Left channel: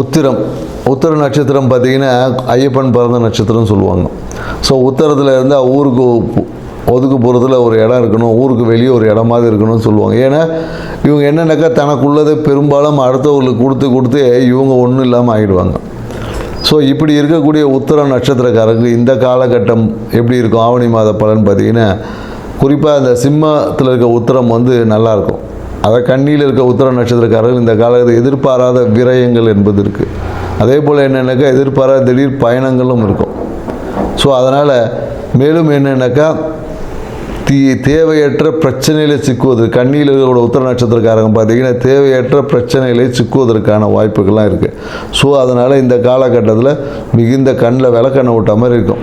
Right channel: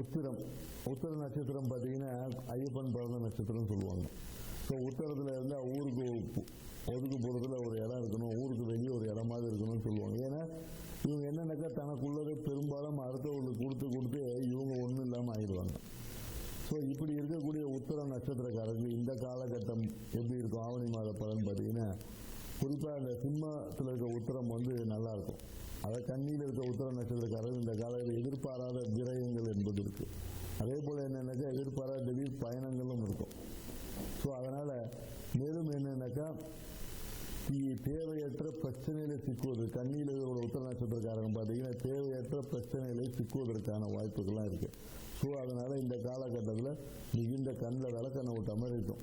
உத்திரம் உத்திர நட்சத்திரம் பார்த்திங்கன்னா ஐயப்பன் பிறந்த நட்சத்திரம்னு சொல்லுவாங்க. ஸோ உத்திரத்தில் இருந்தால் ஊருக்கு ஒதுக்குப்புறத்தில் ஒரு இடம் இருக்கணும், ஊருக்கு வெளியே ஒரு இடமாவது இருக்கணும்னு சொல்லுவாங்க. ஏன்னா இவங்க என்னென்னாக்கா தனக்குள்ளதை பெரும்பாலும் அடுத்தவர்களுக்கு கொடுத்து இவங்க ஒன்றும் இல்லாமல் ஆகிடுவாங்க. ஸோ இப்படி இருக்கக்கூடிய உத்திர நட்சத்திரக்காரருக்கு இந்த காலகட்டம் எப்படி இருக்கும் ஆவணி மாத பலன் பார்த்திங்கன்னா, குறிப்பாக அந்த சிம்மத்தில் இருக்க உத்திரம் நல்லாயிருக்கும். அதை கண்ணியில் இருக்க உத்திர நட்சத்திரக்காரர்கள் இந்த காலத்தில் எதிர்பாராத விரயங்கள் என்பது இருக்குது. அதே போல் என்னென்னாக்கா எதிர்பாராத திடீர் பயணங்களும் இருக்கும். ஸோ அதனால் மேலும் என்னென்னாக்கா தேவையற்ற பிரச்சனையில் சிக்குவது, கண்ணியில் இருக்கிற உத்திர நட்சத்திரக்காரங்க பார்த்திங்கன்னா தேவையற்ற பிரச்சனைகளை சிக்குவதற்கான வாய்ப்புகள்லாம் இருக்குது. ஸோ அதனால் இந்த காலகட்டத்தில் மிகுந்த கண்ணில் விளக்கெண்ணெய் விட்ட மாதிரி இருக்கும்.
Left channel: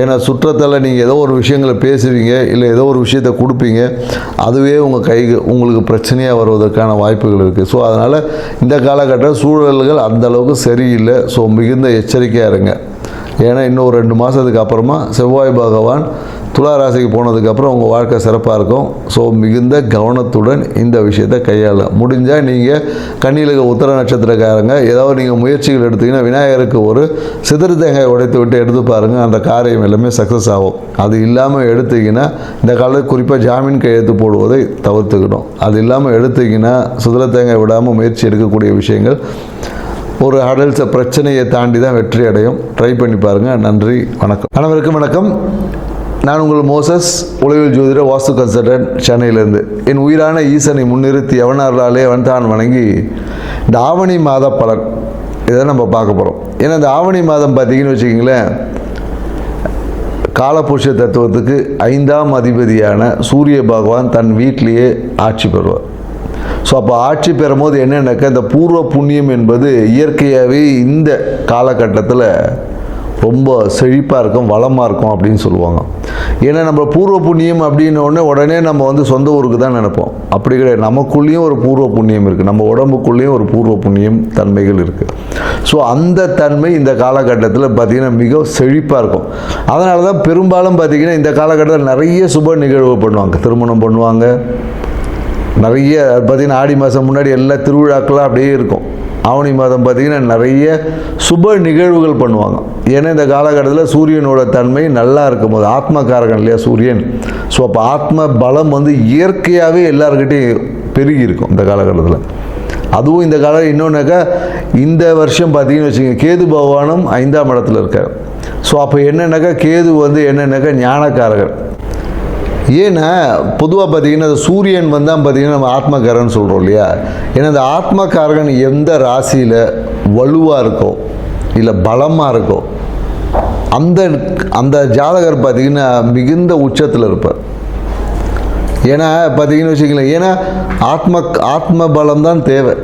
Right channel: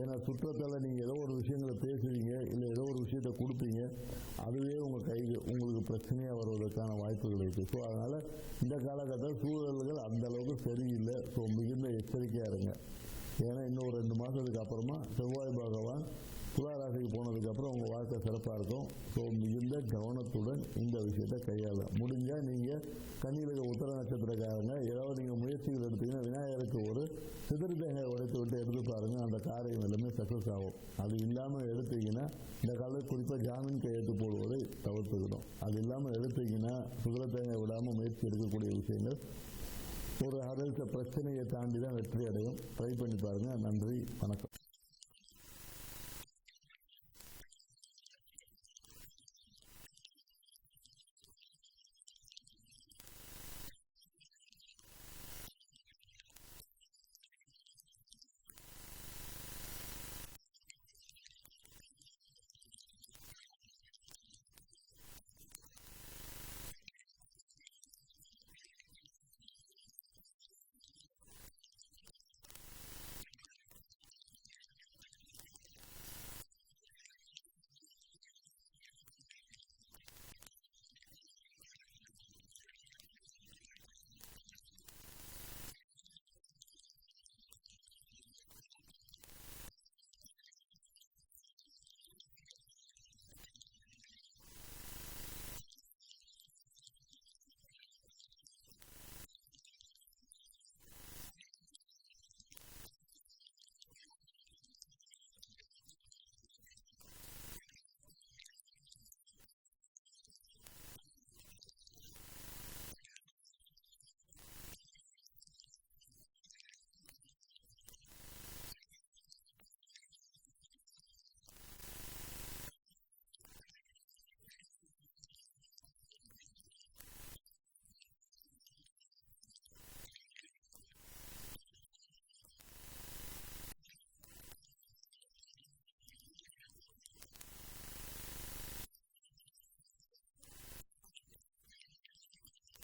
ஏன்னா சுற்றத்தால் நீங்கள் ஏதோ ஒரு விஷயங்களை பேசுவீங்க, இல்லை ஏதோ ஒரு விஷயத்தை கொடுப்பீங்க, அதுவே உங்களுக்கு பிரச்சனையாக வருவதற்கான வாய்ப்புகள் இருக்குது. ஸோ அதனால் இந்த காலகட்ட சூழல்கள் அந்தளவுக்கு சரியில்லை. ஸோ மிகுந்த எச்சரிக்கையாக இருங்க. ஏன்னா இன்னும் 2 மாதத்துக்கு அப்புறமா செவ்வாய் பகவான் துலா ராசிக்கு போனதுக்கப்புறம் உங்கள் வாழ்க்கை சிறப்பாக இருக்கும். ஸோ மிகுந்த கவனத்துடன் இந்த விஷயத்தை கையாளலாம். முடிஞ்சால் நீங்கள் கண்ணியில் இருக்க உத்திர நட்சத்திரக்காரங்க ஏதாவது நீங்கள் முயற்சிகள் எடுத்திங்கன்னா விநாயகருக்கு ஒரு சிதறு தேங்காய் உடைத்து விட்டு எடுத்து பாருங்கள், அந்த காரியம் எல்லாமே சக்ஸஸ் ஆகும். அது இல்லாமல் எடுத்திங்கன்னா இந்த காலத்தில் குறிப்பாக ஜாமீன் கையெழுத்து போடுவதை தவிர்த்துக்கணும். அது இல்லாமல் எடுத்திங்கன்னா சிதறு தேங்காய் விடாமல் முயற்சி எடுக்கக்கூடிய விஷயங்கள் ஒரு அடல்ட்ஸை பிரச்சனையை தாண்டி தான் வெற்றி அடையும். ட்ரை பண்ணி பாருங்கள். நன்றி, வணக்கம். அனைவருக்கும் வணக்கம். நான் உங்கள் மோசஸ், உளவியல் ஜோதிடர், வாஸ்து கன்சல்டன்ட், சென்னையிலேருந்து. என் உயிரான ஈசனை முன்னிறுத்தி எவனார்களாலே அவன்தான் வணங்கி இந்த ஆவணி மாத பலன் இதை நம்ம பார்க்க போகிறோம். ஏன்னா இந்த ஆவணி மாதம் பார்த்திங்கன்னு வச்சுக்கிங்களேன், காலபுருஷ தத்துவத்துக்கு 5ஆம் அதிபதியான சூரிய பகவான் தன் வீட்டிலேயே ஆட்சி பெறுவார். ஸோ அப்போ ஆட்சி பெறும்போது என்னென்னாக்கா இந்த பூர்வ புண்ணியம் என்பது இயற்கையாகவே இந்த காலகட்டத்தில் ரொம்ப செழிப்பாக இருக்கும், வளமாக இருக்கும் அப்படின்னு சொல்லுவாங்க. ஏன்னா நம்ம பூர்வ புண்ணியம் அப்படின்னோடனே உடனே நம்ம சொந்த ஊருக்கு தான் நினைப்போம். அப்படி கிடையாது. நமக்குள்ளேயும் ஒரு பூர்வ புண்ணியம் இருக்குது, நம்ம உடம்புக்குள்ளேயும் ஒரு பூர்வ புண்ணியம் தன்மைகள் இருக்குது. ஸோ அந்த தன்மை இந்த காலகட்டத்தில் பார்த்திங்கன்னா மிக செழிப்பாக இருக்கும். அதனால தான் பெரும்பாலும் பார்த்திங்கன்னா இந்த காலகட்டத்தில் நிறைய சுப நிகழ்வு பண்ணுவாங்க. திருமணம் பண்ணுவாங்க, நிறைய பார்த்திங்கன்னா ஆடி மாதம் முன்னாடி எல்லா திருவிழாக்களாக அப்படியே இருக்கும். ஆவணி மாதம் பார்த்திங்கன்னா நிறைய சுப நிகழ்வுகள் பண்ணுவாங்க. ஏன்னா இந்த காலகட்டத்தில் சூரியனோட தன்மை நல்லா இருக்கும்போது, ஆத்மகாரகன் இல்லையா சூரியன். ஸோ அப்போ ஆத்ம பலம் இயற்கையாகவே எல்லாருக்கிட்டையும் பெருகி இருக்கும் இந்த காலகட்டத்தில். அதுவும் இந்த காலம் இன்னொன்றாக்கா இந்த வருஷம் பார்த்திங்கன்னு வச்சுக்கோங்க, கேது பகவானும் 5ஆம் இடத்துல இருக்கார். ஸோ அப்போ என்னென்னாக்கா கேது என்னென்னாக்கா ஞானக்காரகர். ஏன்னா பொதுவாக பார்த்திங்கன்னா சூரியன் தான் பார்த்திங்கன்னா நம்ம ஆத்மகாரகன் சொல்கிறோம் இல்லையா. ஏன்னா இந்த ஆத்மகாரகன் எந்த ராசியில் வலுவாக இருக்கோ இல்லை பலமாக இருக்கோ அந்த ஜாதகர் பார்த்திங்கன்னா மிகுந்த உச்சத்தில் இருப்பார். ஏன்னா பார்த்திங்கன்னு வச்சுக்கலாம், ஏன்னா ஆத்ம பலம் தான் தேவை.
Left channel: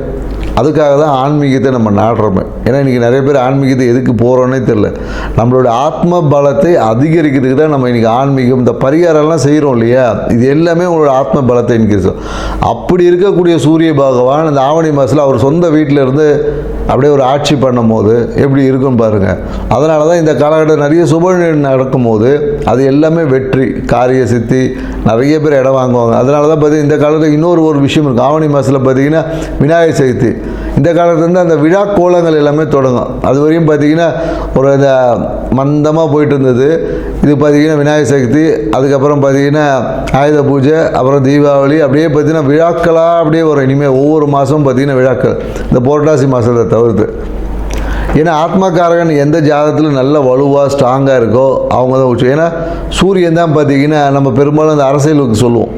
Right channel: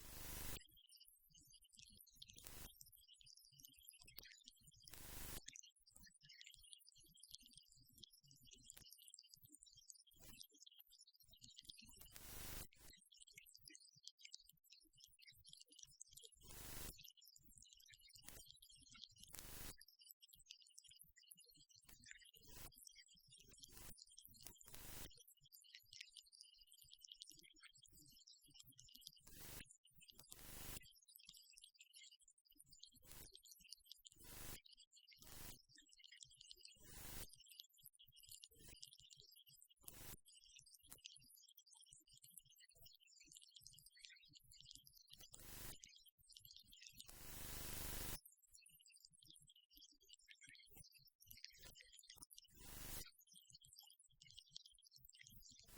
அதுக்காக தான் ஆன்மீகத்தை நம்ம நாடுறோமே. ஏன்னா இன்றைக்கி நிறைய பேர் ஆன்மீகத்தை எதுக்கு போகிறோன்னே தெரில. நம்மளோட ஆத்ம பலத்தை அதிகரிக்கிறதுக்கு தான் நம்ம இன்றைக்கி ஆன்மீகம் இந்த பரிகாரம்லாம் செய்கிறோம் இல்லையா. இது எல்லாமே உங்களோட ஆத்ம பலத்தை இன்க்ரீஸ். அப்படி இருக்கக்கூடிய சூரிய பகவான் இந்த ஆவணி மாதத்தில் அவர் சொந்த வீட்டில் இருந்து அப்படியே ஒரு ஆட்சி பண்ணும் போது எப்படி இருக்குன்னு பாருங்கள். அதனால தான் இந்த காலகட்டம் நிறைய சுப நடக்கும்போது அது எல்லாமே வெற்றி, காரிய சித்தி, நிறைய பேர் இடம் வாங்குவாங்க. அதனால தான் பார்த்திங்கன்னா இந்த காலத்தில் இன்னொரு விஷயம் இருக்குது. ஆவணி மாதத்தில் பார்த்திங்கன்னா விநாயகர் சதுர்த்தி. இந்த காலத்துலேருந்து அந்த விழா கோலங்கள் எல்லாமே தொடங்கும். அது வரையும் பார்த்திங்கன்னா ஒரு இந்த மந்தமாக போயிட்டு இருந்தது. இது பார்த்திங்கன்னா விநாயகர் சதுர்த்தி, அதுக்கப்புறம் பார்த்திங்கன்னா ஆயுத பூஜை, அப்புறம் தீபாவளி, அப்படியே பார்த்திங்கன்னா விழாக்களாக அப்படியே வரும். இனிமேல் ஒவ்வொரு மாதமும் பார்த்திங்கன்னா விழாக்கள், இந்த புரட்டாசி மாதத்தை தவிர்த்து. ஏன்னா ஆத்மகாரகன் எந்த ஜாதகத்தில் நல்ல வலுவாக ஸ்ட்ராங்காக இருக்கோ அவங்க தான் உச்சம். ஏன்னா சூரியன் தான் பார்த்திங்கன்னா நம்ம பெரும்பாலும் அந்த அரசியலுக்கு சொல்லுவோம்,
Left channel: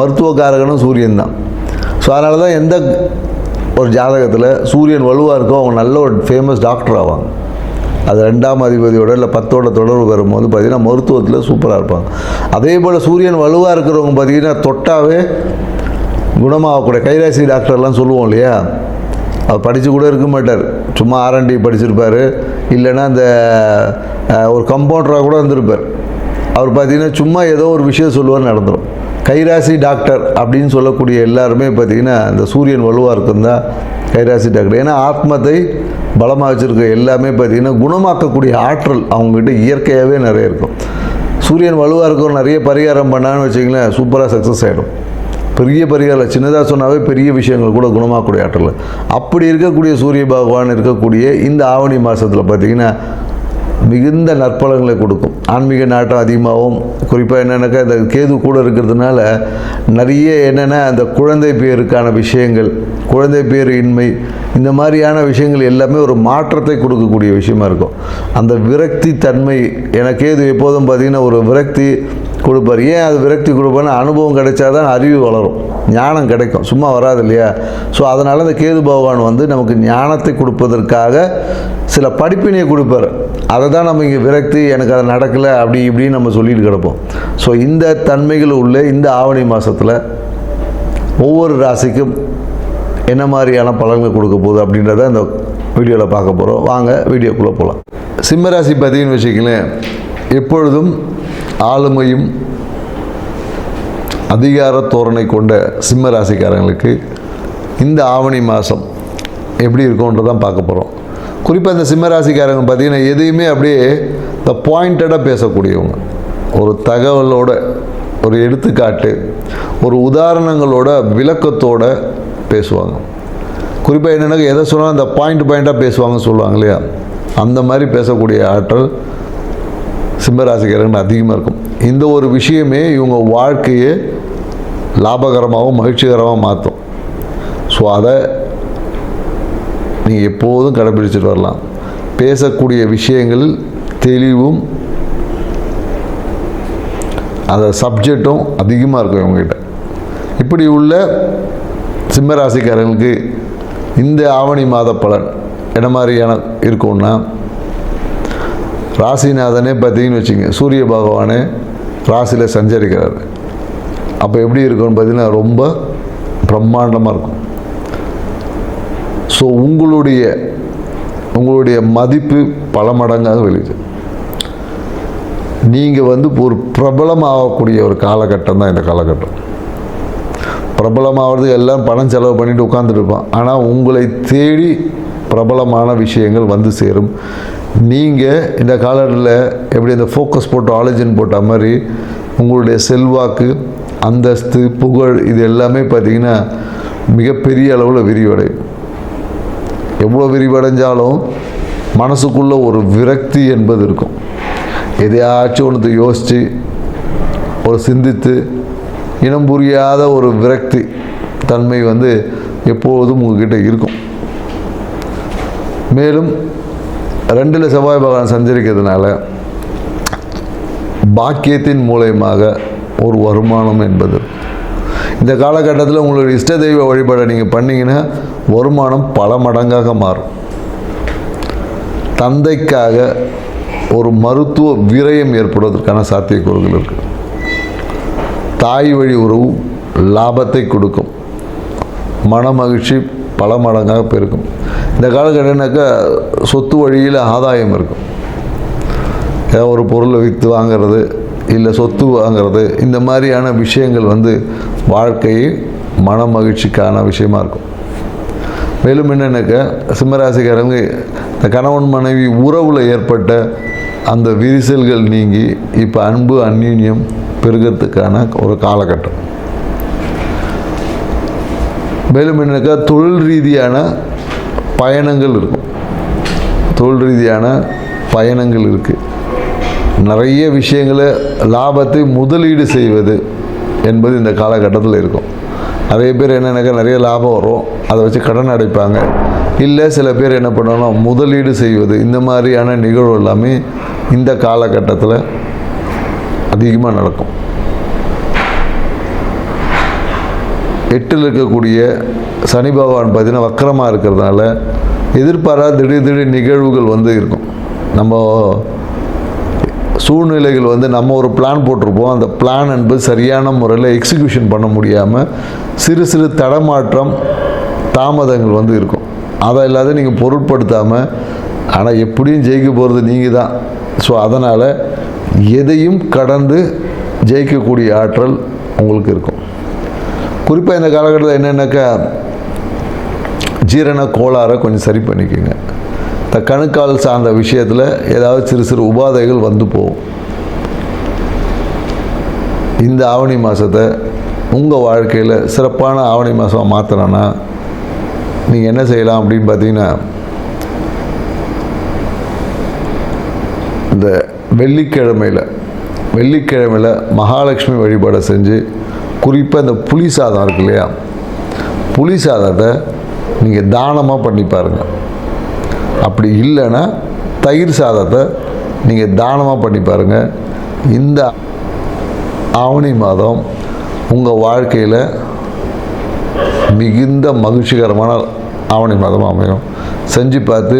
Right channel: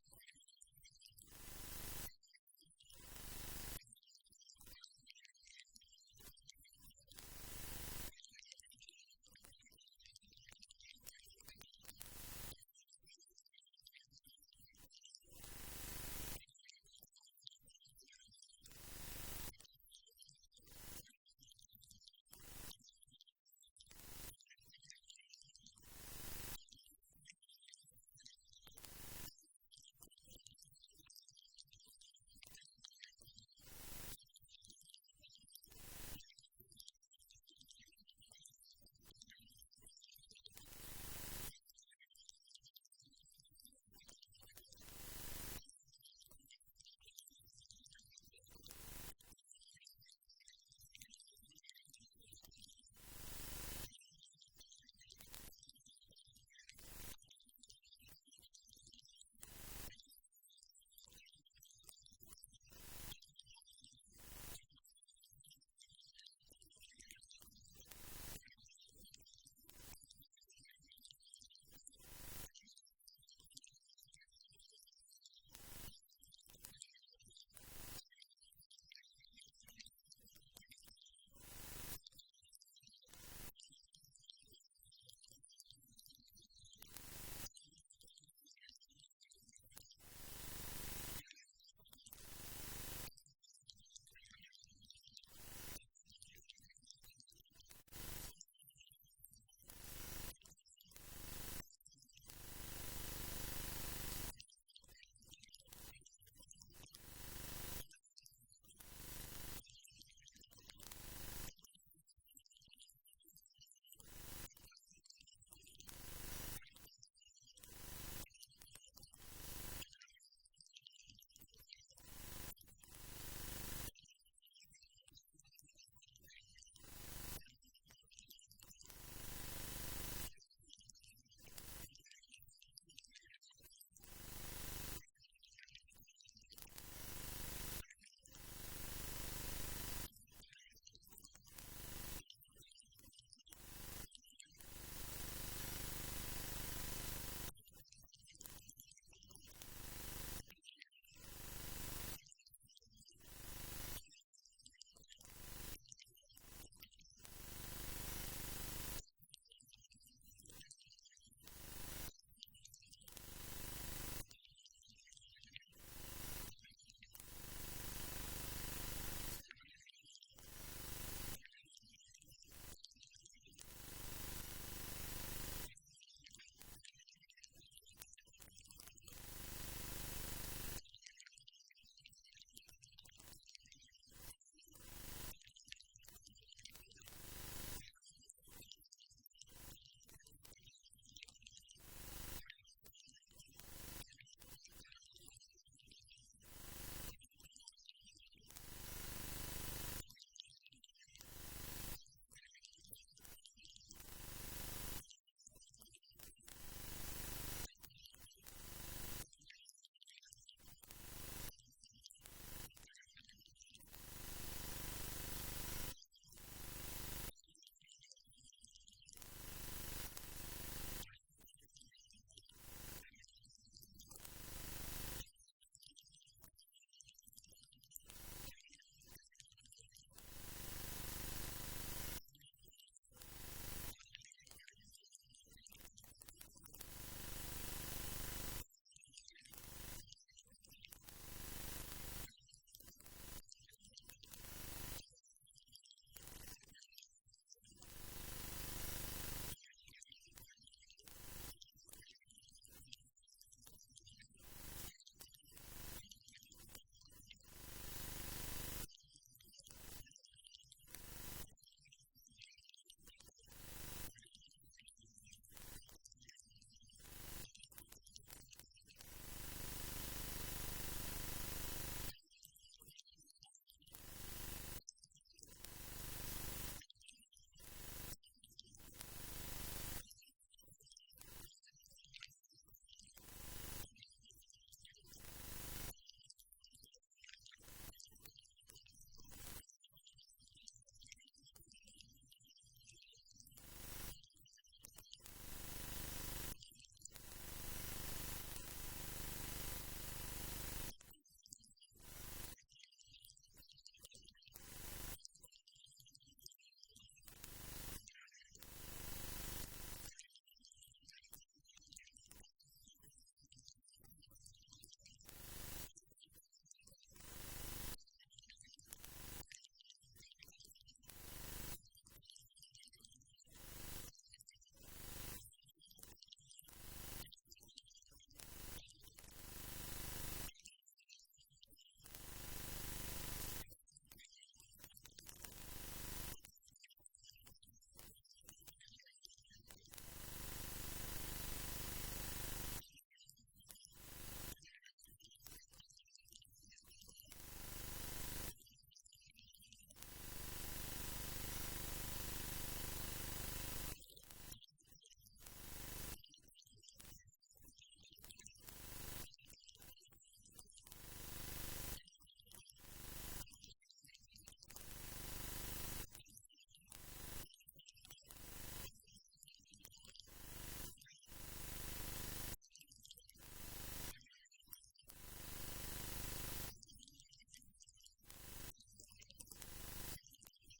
மருத்துவக்காரகனும் சூரியன் தான். ஸோ அதனால தான் எந்த ஒரு ஜாதகத்தில் சூரியன் வலுவாக இருக்கோ அவங்க நல்ல ஒரு ஃபேமஸ் டாக்டர் ஆவாங்க. அது 2ஆம் அதிபதியோட இல்லை 10ஓட தொடர்பு வரும்போது பார்த்திங்கன்னா மருத்துவத்தில் சூப்பராக இருப்பாங்க. அதே போல் சூரியன் வலுவாக இருக்கிறவங்க பார்த்திங்கன்னா தொட்டாவே குணமாகக்கூடிய கைராசி டாக்டர்லாம் சொல்லுவோம் இல்லையா. அவர் படித்து கூட இருக்க மாட்டார், சும்மா R&D படிச்சிருப்பார், இல்லைன்னா அந்த ஒரு கம்பவுண்டராக கூட இருந்திருப்பார். அவர் பார்த்திங்கன்னா சும்மா ஏதோ ஒரு விஷயம் சொல்லுவார், நடந்துடும். கைராசி டாக்டர் அப்படின்னு சொல்லக்கூடிய எல்லாருமே பார்த்திங்கன்னா இந்த சூரியன் வலுவாக இருக்குன்னு தான் கைராசி டாக்டர். ஏன்னா ஆத்மத்தை பலமாக வச்சுருக்க எல்லாமே பார்த்திங்கன்னா குணமாக்கக்கூடிய ஆற்றல் அவங்ககிட்ட இயற்கையாகவே நிறைய இருக்கும். சூரியன் வலுவாக இருக்கும், நிறைய பரிகாரம் பண்ணான்னு வச்சிங்களேன், சூப்பராக சக்ஸஸ் ஆகிடும். பெரிய பரிகாரம் சின்னதாக சொன்னாவே பெரிய விஷயங்கள் கூட குணமாகக்கூடிய ஆற்றல். அப்படி இருக்கக்கூடிய சூரிய பகவான் இருக்கக்கூடிய இந்த ஆவணி மாதத்தில் பார்த்திங்கன்னா மிகுந்த நற்பலங்களை கொடுக்கும். ஆன்மீக நாட்டம் அதிகமாகவும், குறிப்பாக என்னென்னாக்கா இந்த கேது கூட இருக்கிறதுனால நிறைய என்னென்னா அந்த குழந்தை பேருக்கான விஷயங்கள், குழந்தை பேர் இன்மை, இந்த மாதிரியான விஷயங்கள் எல்லாமே ஒரு மாற்றத்தை கொடுக்கக்கூடிய விஷயமா இருக்கும். அந்த விரக்தி தன்மை, எனக்கு கேது எப்போதும் பார்த்திங்கன்னா ஒரு விரக்தி கொடுப்பார். ஏன் அது விரக்தி கொடுப்பார்னா அனுபவம் கிடைச்சாதான் அறிவு வளரும், ஞானம் கிடைக்கும், சும்மா வராது இல்லையா? ஸோ அதனால் இந்த கேது பகவான் வந்து நமக்கு ஞானத்தை கொடுப்பதற்காக சில படிப்பினையை கொடுப்பார். அதை தான் நம்ம இங்கே விரக்தி, எனக்கு அது நடக்கலை அப்படி இப்படின்னு நம்ம சொல்லிட்டு கிடப்போம். ஸோ இந்த தன்மைகள் உள்ள இந்த ஆவணி மாதத்தில் ஒவ்வொரு ராசிக்கும் என்ன மாதிரியான பலன்கள் கொடுக்க போகுது அப்படின்றத இந்த வீடியோவில் பார்க்க போகிறோம். வாங்க வீடியோக்குள்ளே போகலாம். சிம்ம ராசி பார்த்தீங்கன்னு வச்சுக்கங்களேன், எப்பொழுதும் ஆளுமையும் அதிகார தோரணை கொண்ட சிம்ம ராசிக்காரங்களுக்கு இந்த ஆவணி மாதம் எப்படி இருக்கும்ன்றதான் பார்க்க போகிறோம். குறிப்பாக இந்த சிம்ம ராசிக்காரங்க பார்த்திங்கன்னா எதையுமே அப்படியே இந்த பாயிண்டடாக பேசக்கூடியவங்க, ஒரு தகவலோட, ஒரு எடுத்துக்காட்டு, ஒரு உதாரணங்களோட விளக்கத்தோட பேசுவாங்க. குறிப்பாக என்னென்னா எதை சொன்னாலும் அந்த பாயிண்ட்டாக பேசுவாங்கன்னு சொல்லுவாங்க இல்லையா, அந்த மாதிரி பேசக்கூடிய ஆற்றல் சிம்மராசிக்காரர்கள் அதிகமாக இருக்கும். இந்த ஒரு விஷயமே இவங்க வாழ்க்கையை லாபகரமாகவும் மகிழ்ச்சிகரமாக மாற்றும். ஸோ அதை நீங்கள் எப்போதும் கடைபிடிச்சிட்டு வரலாம். பேசக்கூடிய விஷயங்களில் தெளிவும் அந்த சப்ஜெக்டும் அதிகமாக இருக்கும் இவங்ககிட்ட. இப்படி உள்ள சிம்மராசிக்காரர்களுக்கு இந்த ஆவணி மாத பலன் என்ன மாதிரியான இருக்கும்னா, ராசிநாதனே பார்த்தீங்கன்னு வச்சுங்க, சூரிய பகவானே ராசியில் சஞ்சரிக்கிறார். அப்போ எப்படி இருக்கும்னு பார்த்தீங்கன்னா ரொம்ப பிரம்மாண்டமாக இருக்கும். ஸோ உங்களுடைய மதிப்பு பல மடங்காக வெளியுது. நீங்கள் வந்து ஒரு பிரபலமாகக்கூடிய ஒரு காலகட்டம் தான் இந்த காலகட்டம். பிரபலமாகிறது எல்லாம் பணம் செலவு பண்ணிட்டு உட்காந்துட்டு இருப்பான். ஆனால் உங்களை தேடி பிரபலமான விஷயங்கள் வந்து சேரும். நீங்கள் இந்த காலத்தில் எப்படி இந்த ஃபோக்கஸ் போட்டு ஆலோஜன் போட்ட மாதிரி உங்களுடைய செல்வாக்கு, அந்தஸ்து, புகழ் இது எல்லாமே பார்த்திங்கன்னா மிகப்பெரிய அளவில் விரிவடையும். எவ்வளோ விரிவடைஞ்சாலும் மனசுக்குள்ளே ஒரு விரக்தி என்பது இருக்கும். எதையாச்சும் ஒன்று யோசித்து ஒரு சிந்தித்து இனம் புரியாத ஒரு விரக்தி தன்மை வந்து எப்போதும் உங்ககிட்ட இருக்கும். மேலும் 2 செவ்வாய் பகவான் சஞ்சரிக்கிறதுனால பாக்கியத்தின் மூலயமாக ஒரு வருமானம் என்பது இந்த காலகட்டத்தில் உங்களுடைய இஷ்ட தெய்வ வழிபாடை நீங்கள் பண்ணிங்கன்னா வருமானம் பல மடங்காக மாறும். தந்தைக்காக ஒரு மருத்துவ விரயம் ஏற்படுவதற்கான சாத்தியக்கூறுகள் இருக்குது. தாய் வழி உறவு லாபத்தை கொடுக்கும். மன மகிழ்ச்சி பல மடங்காக பெருக்கும். இந்த காலகட்டம்னாக்கா சொத்து வழியில் ஆதாயம் இருக்கும். ஏதாவது ஒரு பொருளை விற்று வாங்கிறது, இல்லை சொத்து வாங்கிறது, இந்த மாதிரியான விஷயங்கள் வந்து வாழ்க்கையை மன மகிழ்ச்சிக்கான விஷயமா இருக்கும். மேலும் என்னென்னாக்கா சிம்மராசிக்காரங்க இந்த கணவன் மனைவி உறவில் ஏற்பட்ட அந்த விரிசல்கள் நீங்கி இப்போ அன்பு அந்யோன்யம் பெருகிறதுக்கான ஒரு காலகட்டம். மேலும் என்னக்கா தொழில் ரீதியான பயணங்கள் இருக்கும். தொழில் ரீதியான பயணங்கள் இருக்குது. நிறைய விஷயங்களை லாபத்தை முதலீடு செய்வது என்பது இந்த காலகட்டத்தில் இருக்கும். நிறைய பேர் என்னென்னாக்கா நிறைய லாபம் வரும், அதை வச்சு கடன் அடைப்பாங்க. இல்லை சில பேர் என்ன பண்ணணும், முதலீடு செய்வது, இந்த மாதிரியான நிகழ்வு எல்லாமே இந்த காலகட்டத்தில் அதிகமாக நடக்கும். 8ல் இருக்கக்கூடிய சனி பகவான் பார்த்திங்கன்னா வக்கரமாக இருக்கிறதுனால எதிர்பாராத திடீர் நிகழ்வுகள் வந்து இருக்கும். நம்ம சூழ்நிலைகள் வந்து நம்ம ஒரு பிளான் போட்டிருப்போம், அந்த பிளான் என்பது சரியான முறையில் எக்ஸிக்யூஷன் பண்ண முடியாமல் சிறு தடமாற்றம், தாமதங்கள் வந்து இருக்கும். அதை இல்லாத நீங்கள் பொருட்படுத்தாமல், ஆனால் எப்படியும் ஜெயிக்க போகிறது நீங்கள் தான். ஸோ அதனால் எதையும் கடந்து ஜெயிக்கக்கூடிய ஆற்றல் உங்களுக்கு இருக்கும். குறிப்பாக இந்த காலகட்டத்தில் என்னென்னாக்கா ஜீரண கோளாறை கொஞ்சம் சரி பண்ணிக்கோங்க. இந்த கணுக்கால் சார்ந்த விஷயத்தில் ஏதாவது சிறு உபாதைகள் வந்து போகும். இந்த ஆவணி மாதத்தை உங்கள் வாழ்க்கையில் சிறப்பான ஆவணி மாதம் மாற்றணும்னா நீங்கள் என்ன செய்யலாம் அப்படின்னு பார்த்தீங்கன்னா, இந்த வெள்ளிக்கிழமையில் மகாலட்சுமி வழிபாடை செஞ்சு, குறிப்பாக இந்த புளி சாதம் இருக்கு இல்லையா, புளி சாதத்தை நீங்கள் தானமாக பண்ணி பாருங்கள். அப்படி இல்லைன்னா தயிர் சாதத்தை நீங்கள் தானமாக பண்ணி பாருங்கள். இந்த ஆவணி மாதம் உங்கள் வாழ்க்கையில் மிகுந்த மகிழ்ச்சிகரமான ஆவணி மாதம் அமையும். செஞ்சு பார்த்து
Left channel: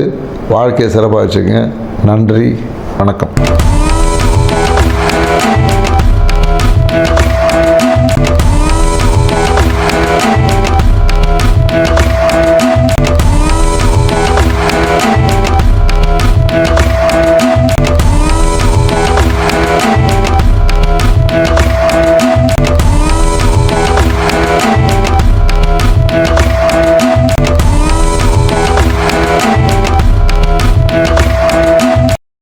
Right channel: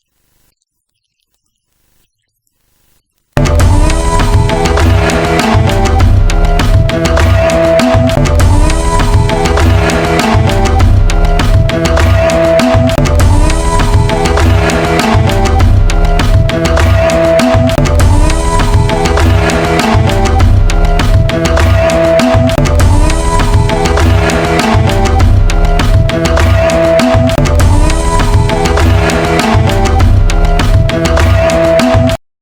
வாழ்க்கையை சிறப்பாக வச்சுங்க. நன்றி, வணக்கம்.